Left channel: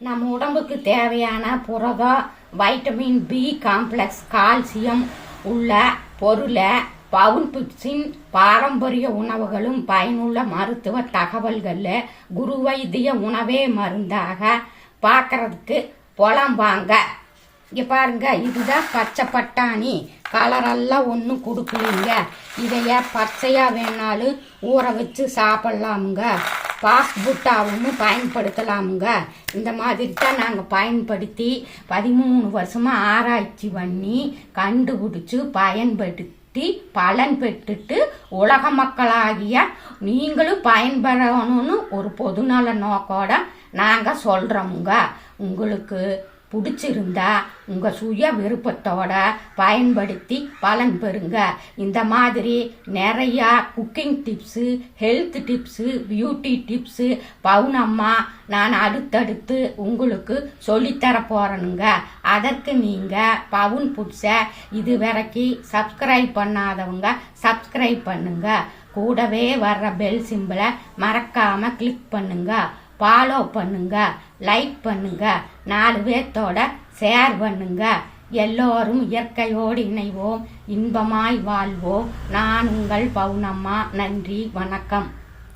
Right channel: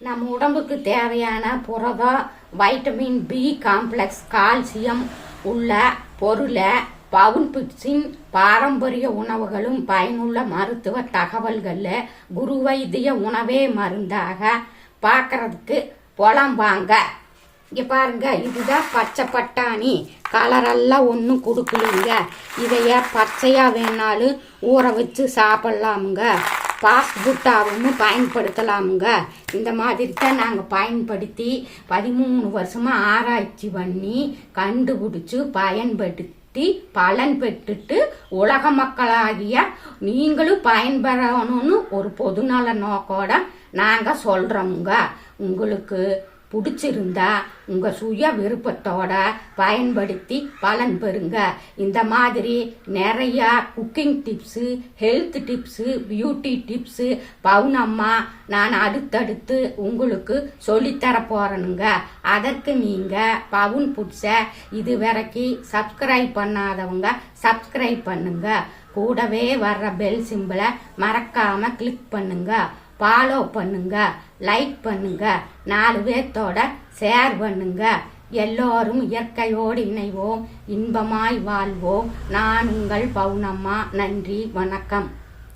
நம்ம உடம்புக்கு தேவையான புரதம், வைட்டமின் பி காம்ப்ளெக்ஸ், கால்சியம் உள்ள பொருளை பவுன் பிட்ஸின் பாரம்பரிய உணவுகளும் பயனுள்ள மருத்துவ தகவல்களில் குரு வைத்திய உணவே மருந்தாக பார்க்கறதுக்கு புலம்பாங்க. இங்கே பாருங்க, இதுதான் பச்சை பட்டாணி. கலரெல்லாம் ஒன்றும் கொடுக்கலீங்க. இதைய பச்சையாக வேணாலும் ஊற வச்சு சாப்பிட்லாமுங்க. பாஸ்புட்டாவும் பயன்படுத்தலாமுங்க. இந்த மாதிரி தான் நாங்கள் பயன்படுத்தி 13 வருஷமாக ஆராய்ச்சி பண்ணி கண்டுபிடிச்சி பயன்படுத்தி பலன் பெற்றுட்டு உலக மக்களாகிய நீங்களும் பயன்பெறணும்னு ஒரு பொதுநல நோக்கோட நாங்கள் சொல்கிறோமுங்க. உங்களுக்கு பிடிச்சிருந்தா உங்கள் சுய விருப்பத்தோட பயன்படுத்தி பலன் பெறுங்க. இந்த மாதிரி நிறையா cooking tips, health tips, beauty tips Pavunamma நான் அடுத்தடுத்து உங்களுக்கு சொல்லித்தர போகிறேனுங்க. அதற்கு நீங்கள் பவுன் புட்ஸை இது வரைக்கும் சப்ஸ்கிரைப் பண்ணாதவங்க சப்ஸ்கிரைப் பண்ணுங்க. கூடவே வர்ற பெல் சிம்பிளை மறக்காமல் கிளிக் பண்ணுங்க. ஃபாலோ பண்ணுங்க, லைக் பண்ணுங்க, 4 பேர்த்தோட ஷேர் பண்ணுங்க. எல்லோரும் இயற்கையோடு இணைவோம், இன்பமாய் வாழ்வோம். நான் உங்கள் பவுனம்மா. நன்றி, வணக்கம்.